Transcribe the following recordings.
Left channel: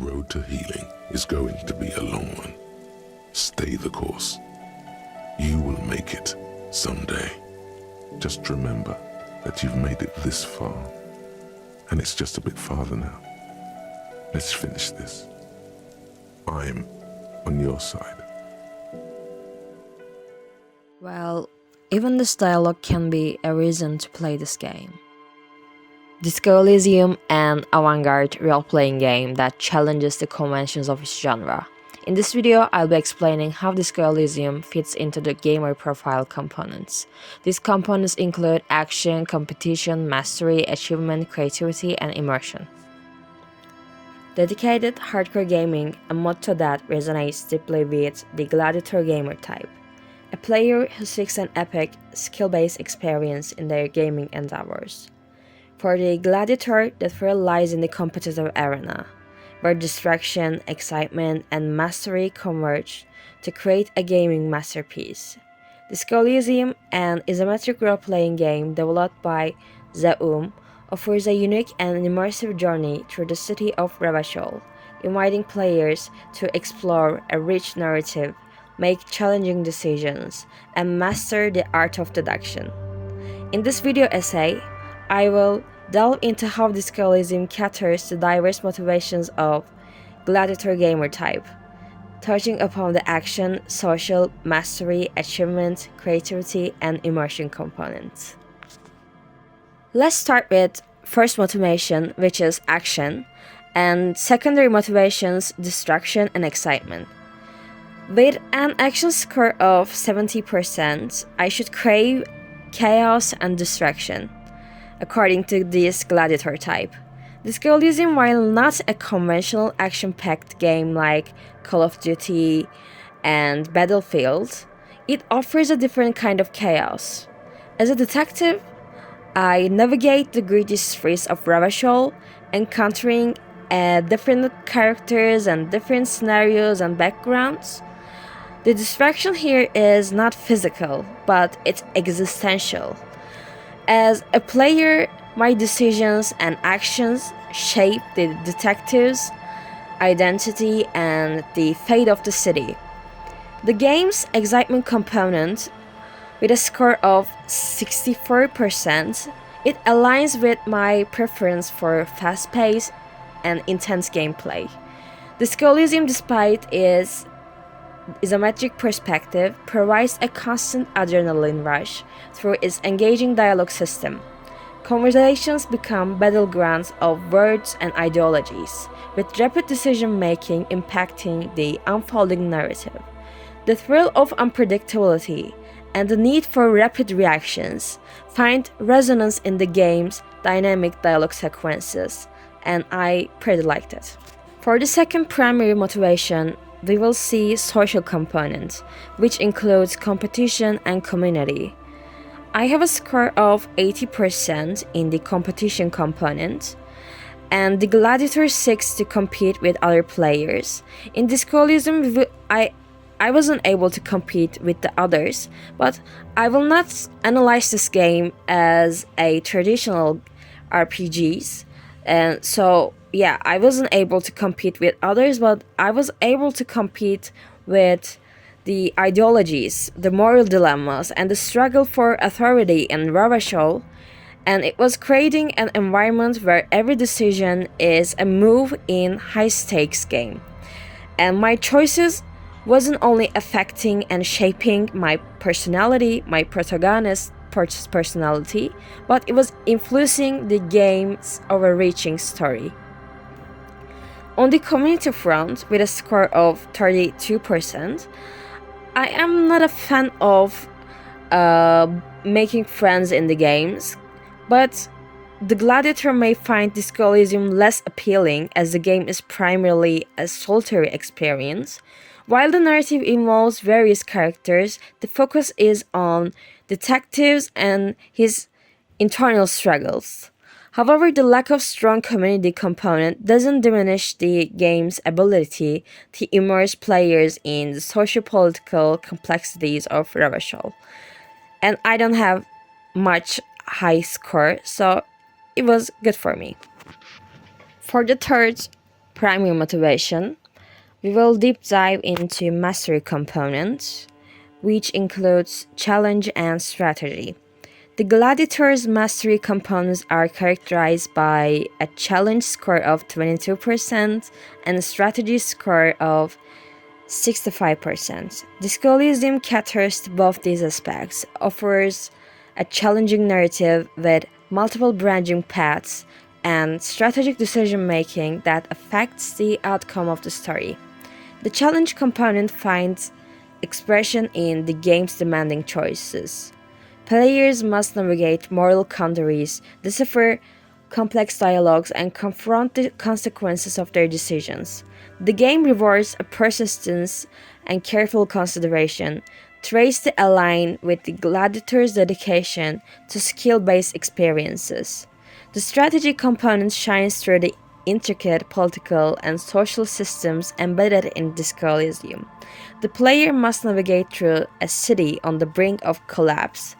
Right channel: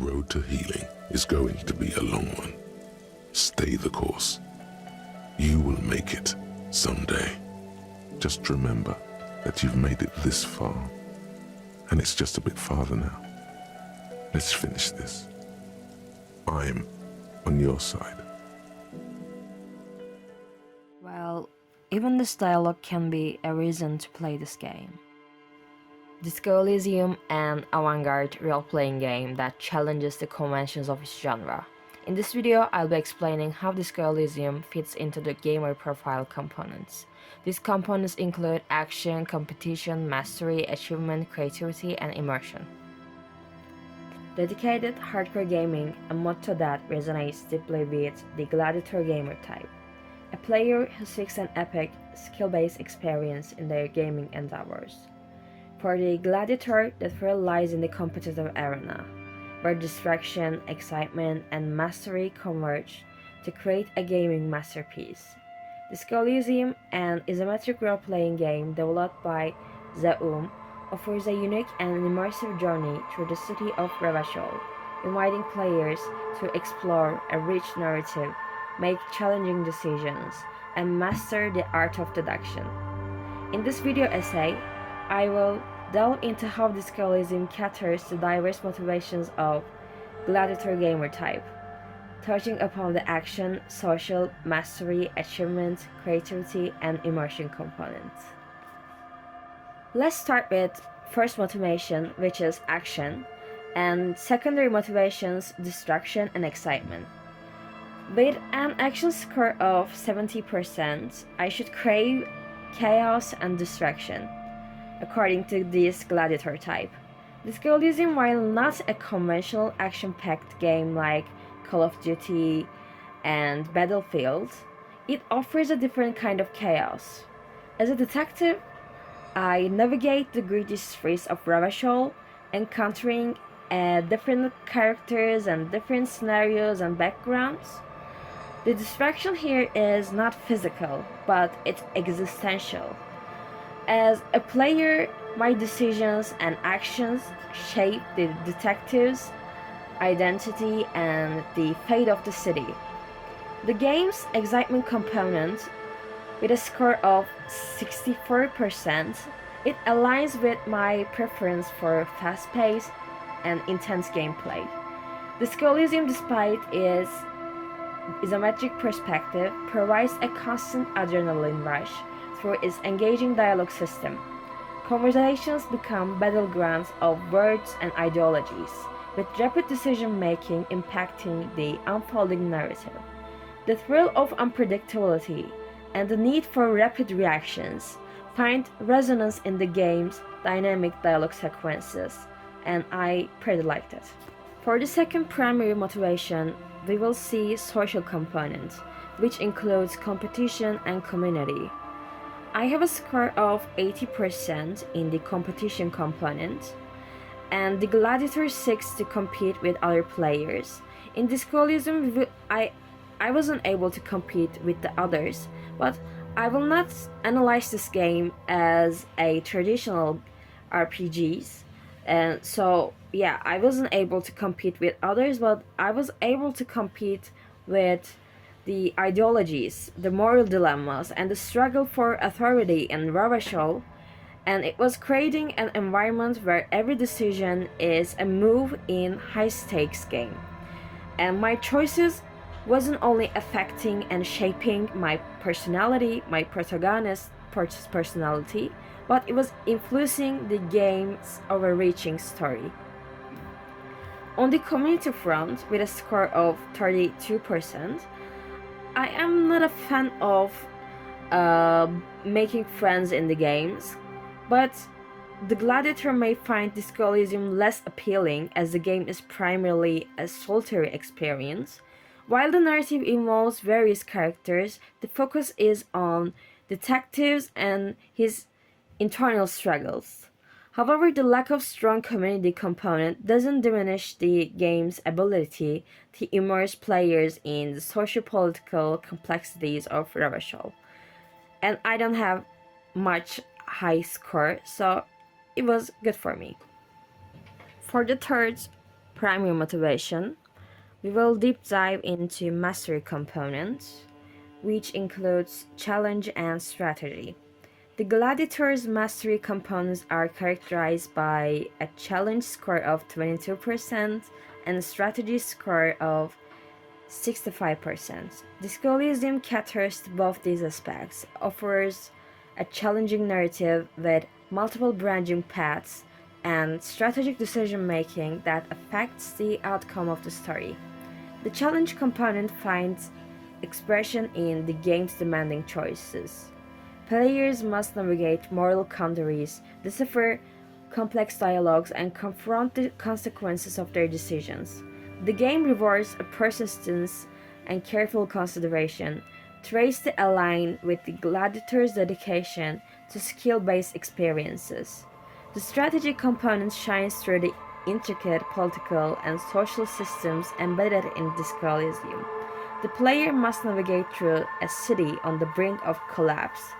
road to healing is going to be a long one. Stay the course. You will make it someday. Just remember that you've made it this far, and it's just a bit farther now. Let's finish this. I'm on your side. Well, even this dialogue can be a reason to play this game. Disco Elysium, an avant-garde role-playing game that challenges the conventions of its genre. In this video, I'll be explaining how Disco Elysium fits into the gamer profile components. These components include action, competition, mastery, achievement, creativity, and immersion. Dedicated hardcore gaming, a motto that resonates deeply with the gladiator gamer type. A player who seeks an epic, skill-based experience in their gaming endeavors. For the gladiator, the thrill lies in the competitive arena, where distraction, excitement, and mastery converge to create a gaming masterpiece. Disco Elysium, an isometric role-playing game developed by Zaum, offers a unique and immersive journey through the city of Ravachol, inviting players to explore a rich narrative, make challenging decisions, and master the art of deduction. In this video essay, I will delve into how Disco Elysium caters to diverse motivations of gladiator gamer type, touching upon the action, social, mastery, achievement, creativity, and immersion components. Let's start with first motivation, which is action, and secondary motivations, distraction and excitement. With an action score of 70%, I should crave chaos and distraction, according to this gladiator type. Disco Elysium, while not a conventional action-packed game like Call of Duty and Battlefield, it offers a different kind of chaos. As a detective, I navigate the gritty streets of Ravachol, encountering different characters and different scenarios and backgrounds. The distraction here is not physical, but it's existential. As a player, my decisions and actions shape the detective's identity and the fate of the city. The game's excitement component, with a score of 64%, it aligns with my preference for fast-paced and intense gameplay. Disco Elysium, despite its isometric perspective, provides a constant adrenaline rush through its engaging dialogue system. Conversations become battlegrounds of words and ideologies, with rapid decision-making impacting the unfolding narrative. The thrill of unpredictability and the need for rapid reactions find resonance in the game's dynamic dialogue sequences, and I pretty liked it. For the second primary motivation, we will see social component, which includes competition and community. I have a score of 80% in the competition component, and the gladiator seeks to compete with other players. In Disco Elysium, I wasn't able to compete with the others, but I will not analyze this game as a traditional RPGs. And so, yeah, I wasn't able to compete with others, but I was able to compete with the ideologies, the moral dilemmas, and the struggle for authority in Ravachol. And it was creating an environment where every decision is a move in high-stakes game. And my choices wasn't only affecting and shaping my personality, my protagonist's personality, but it was influencing the game's overreaching story. On the community front, with a score of 32%, I am not a fan of making friends in the games, but the gladiator may find Disco Elysium less appealing as the game is primarily a solitary experience. While the narrative involves various characters, the focus is on detectives and his internal struggles. However, the lack of strong community component doesn't diminish the game's ability to immerse players in the socio-political complexities of Ravachol. And I don't have much high score, so it was good for me. For the third primary motivation, we will deep dive into mastery components, which includes challenge and strategy. The Gladiator's mastery components are characterized by a challenge score of 22% and a strategy score of 65%. The Elysium caters to both these aspects, offers a challenging narrative with multiple branching paths and strategic decision making that affects the outcome of the story. The challenge component finds expression in the game's demanding choices. Players must navigate moral quandaries, decipher complex dialogues, and confront the consequences of their decisions. The game rewards a persistence and careful consideration, traits that align with the gladiator's dedication to skill-based experiences. The strategy component shines through the intricate political and social systems embedded in the Elysium. The player must navigate through a city on the brink of collapse,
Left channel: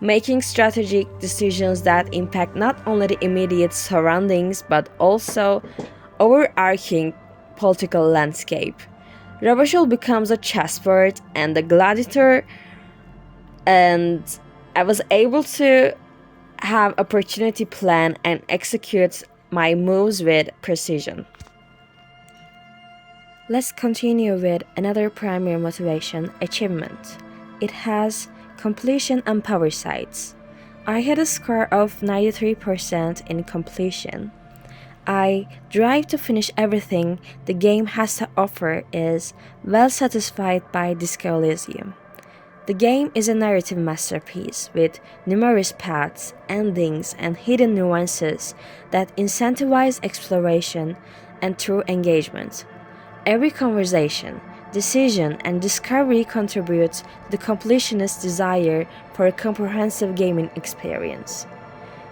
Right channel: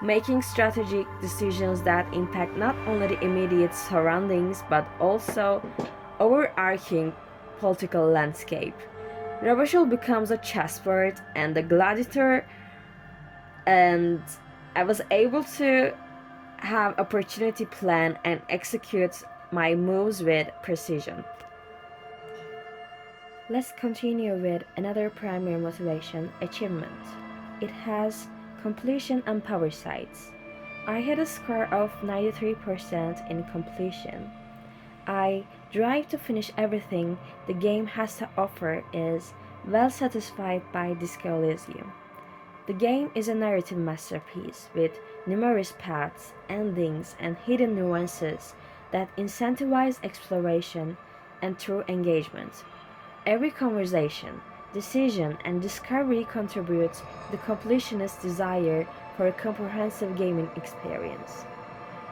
making strategic decisions that impact not only the immediate surroundings but also overarching political landscape. Rebel becomes a chessboard and the gladiator, and I was able to have opportunity plan and execute my moves with precision. Let's continue with another primary motivation, achievement. It has completion and power sides. I had a score of 93% in completion. I drive to finish everything the game has to offer is well satisfied by Disco Elysium. The game is a narrative masterpiece with numerous paths, endings, and hidden nuances that incentivize exploration and true engagement. Every conversation, decision, and discovery contributes the completionist's desire for a comprehensive gaming experience.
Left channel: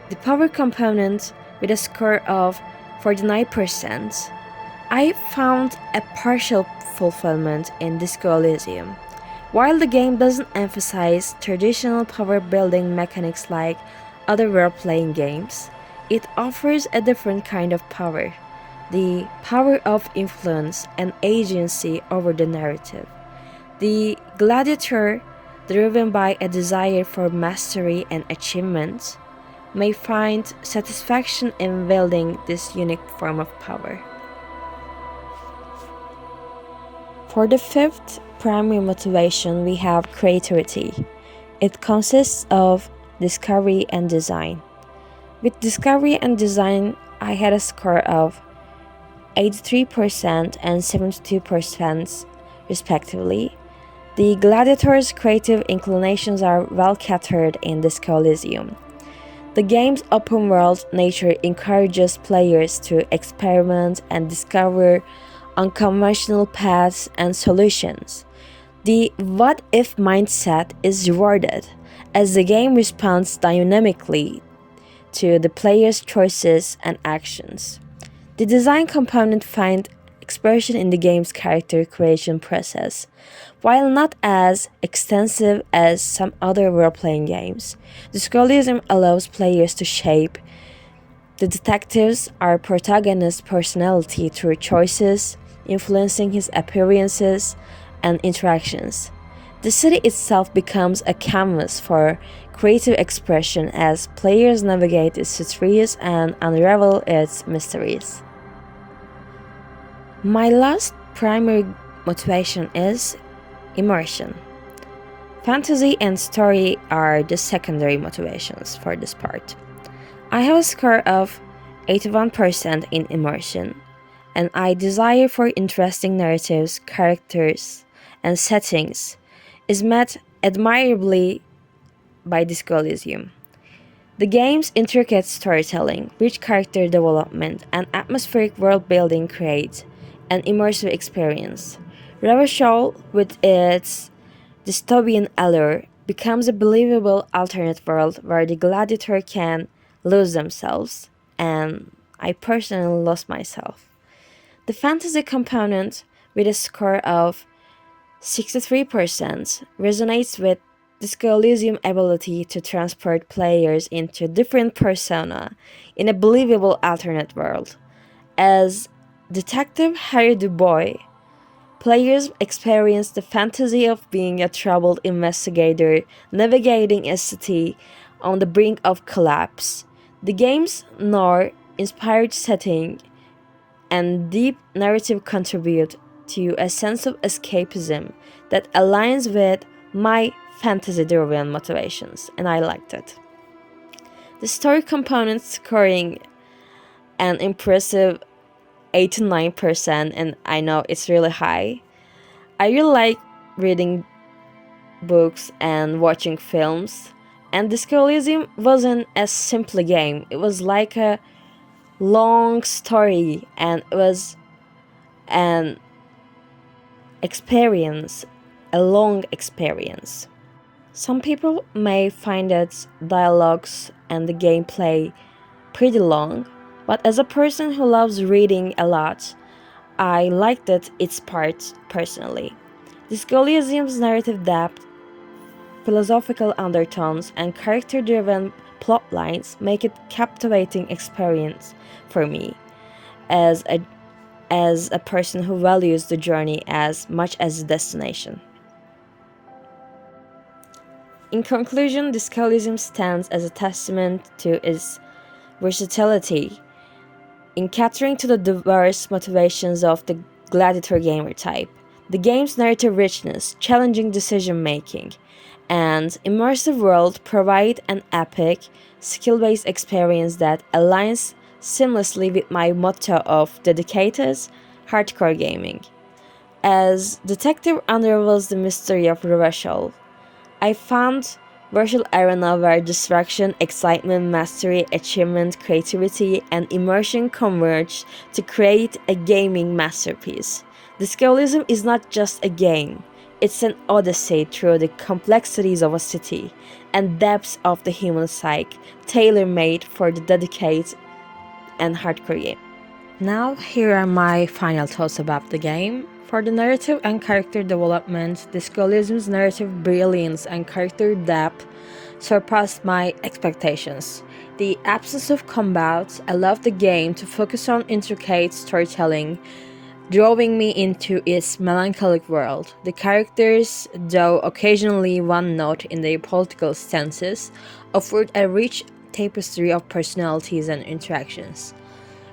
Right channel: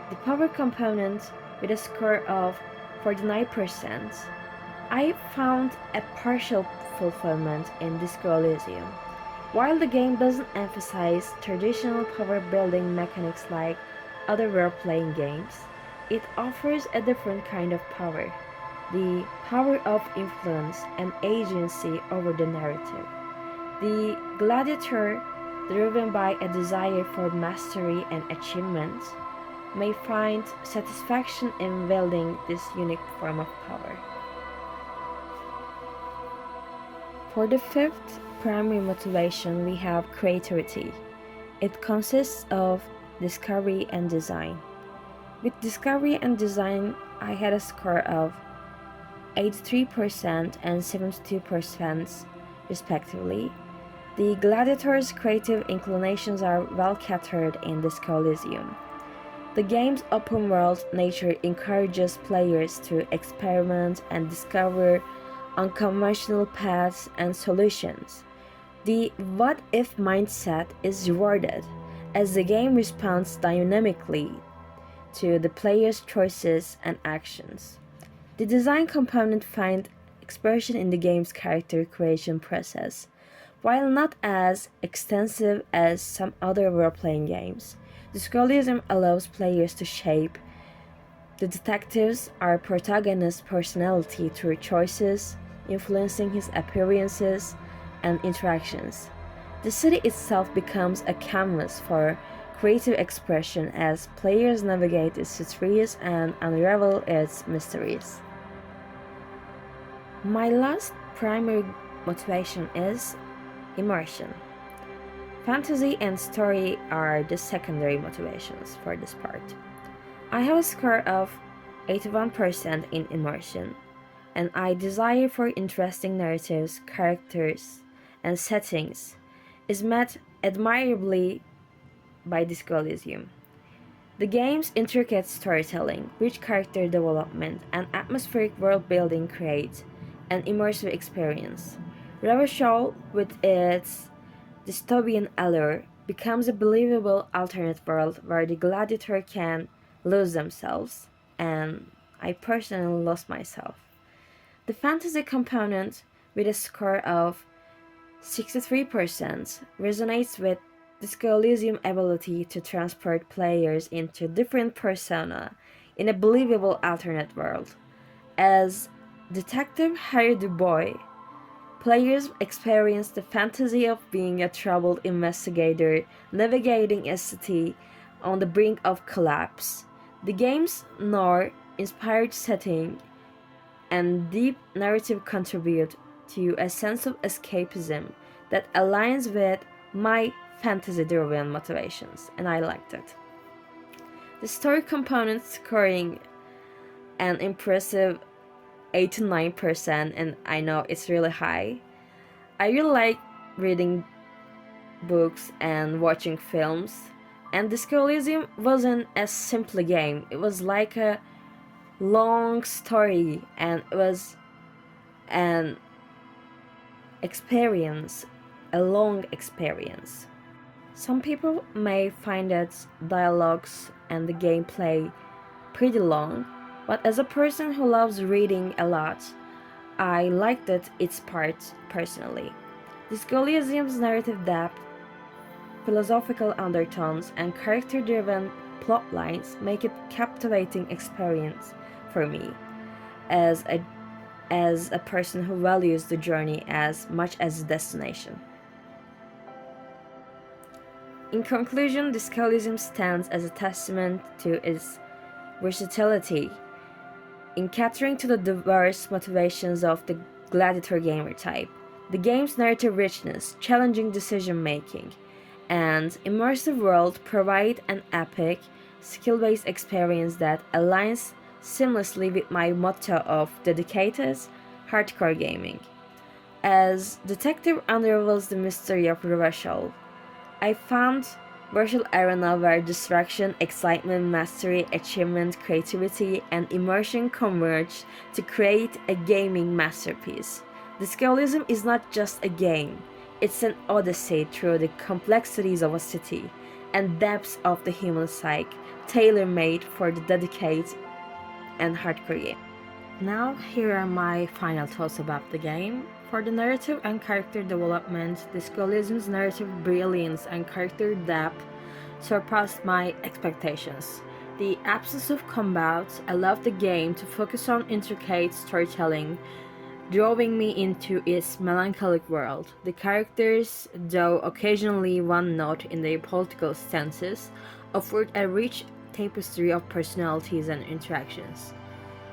The power component, with a score of 49%, I found a partial fulfillment in Disco Elysium. While the game doesn't emphasize traditional power building mechanics like other role playing games, it offers a different kind of power, the power of influence and agency over the narrative. The gladiator, driven by a desire for mastery and achievement, may find satisfaction in wielding this unique form of power. For the fifth primary motivation, we have creativity. It consists of discovery and design. With discovery and design, I had a score of 83% and 72% respectively. The gladiator's creative inclinations are well catered in Disco Elysium. The game's open world nature encourages players to experiment and discover unconventional paths and solutions. The what if mindset is rewarded as the game responds dynamically to the player's choices and actions. The design component finds expression in the game's character creation process. While not as extensive as some other role-playing games, Discolism allows players to shape the detective's our protagonist's personality through choices, influencing his appearances and interactions. The city itself becomes a canvas for creative expression as players navigate its histories and unravel its mysteries. My last primary motivation is immersion. Fantasy and story are the secondary motivations for this part. I have a score of 81% in immersion, and I desire for interesting narratives, characters, and settings is met admirably by Disco Elysium. The game's intricate storytelling, rich character development, and atmospheric world building create an immersive experience. Revachol, with its dystopian allure, becomes a believable alternate world where the gladiator can lose themselves, and I personally lost myself. The fantasy component, with a score of 63%, resonates with the Elysium ability to transport players into different persona in a believable alternate world. As Detective Harry Dubois, players experience the fantasy of being a troubled investigator navigating a city on the brink of collapse. The game's noir inspired setting and deep narrative contribute to a sense of escapism that aligns with my fantasy driven motivations, and I liked it. The story component scoring an impressive 89%, and I know it's really high. I really like reading books and watching films, and Disco Elysium wasn't a simple game. It was like a long story, and it was an experience, a long experience. Some people may find its dialogues and the gameplay pretty long, but as a person who loves reading a lot, I liked its parts personally. Disco Elysium's narrative depth, philosophical undertones, and character-driven plot lines make it captivating experience for me as a person who values the journey as much as the destination. In conclusion, Disco Elysium stands as a testament to its versatility in catering to the diverse motivations of the gladiator gamer type. The game's narrative richness, challenging decision making, and immersive world provide an epic, skill-based experience that aligns seamlessly with my motto of dedicated, hardcore gaming. As Detective unravels the mystery of Revachol, I found virtual arena where distraction, excitement, mastery, achievement, creativity, and immersion converge to create a gaming masterpiece. Discoverism is not just a game, it's an odyssey through the complexities of a city and depths of the human psyche, tailor-made for the dedicated and hardcore game. Now, here are my final thoughts about the game. For the narrative and character development, Discoverism's narrative brilliance and character depth surpassed my expectations. The absence of combat allowed the game to focus on intricate storytelling, drawing me into its melancholic world. The characters, though occasionally one note in their political stances, offered a rich tapestry of personalities and interactions.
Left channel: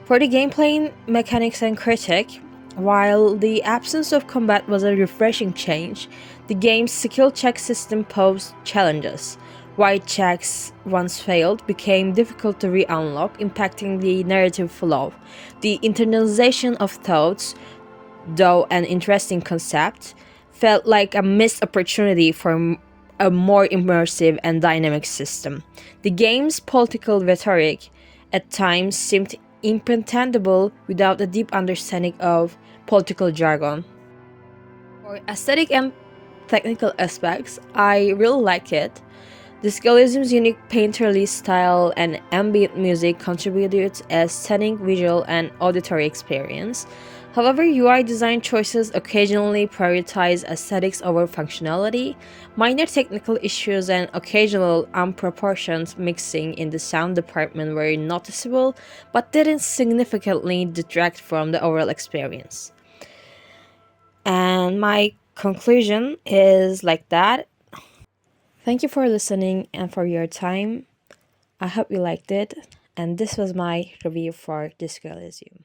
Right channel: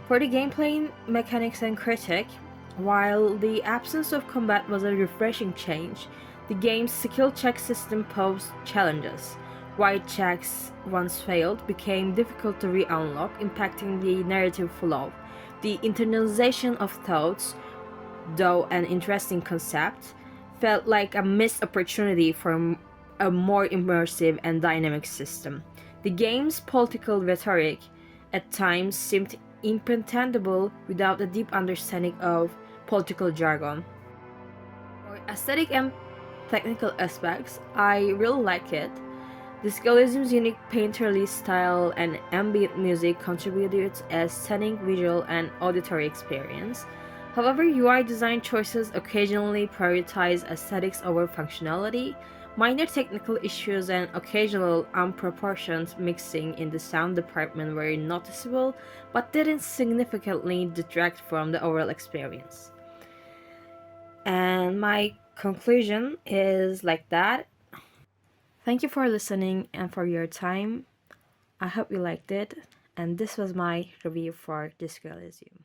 For the gameplay mechanics and critic, while the absence of combat was a refreshing change, the game's skill check system posed challenges. White checks, once failed, became difficult to re-unlock, impacting the narrative flow. The internalization of thoughts, though an interesting concept, felt like a missed opportunity for a more immersive and dynamic system. The game's political rhetoric at times seemed impenetrable without a deep understanding of political jargon. For aesthetic and technical aspects, I really like it. Discoverism's unique painterly style and ambient music contributed to a stunning visual and auditory experience. However, UI design choices occasionally prioritize aesthetics over functionality. Minor technical issues and occasional unproportioned mixing in the sound department were noticeable, but didn't significantly detract from the overall experience. And my conclusion is like that. Thank you for listening and for your time. I hope you liked it, and this was my review for Disco Elysium.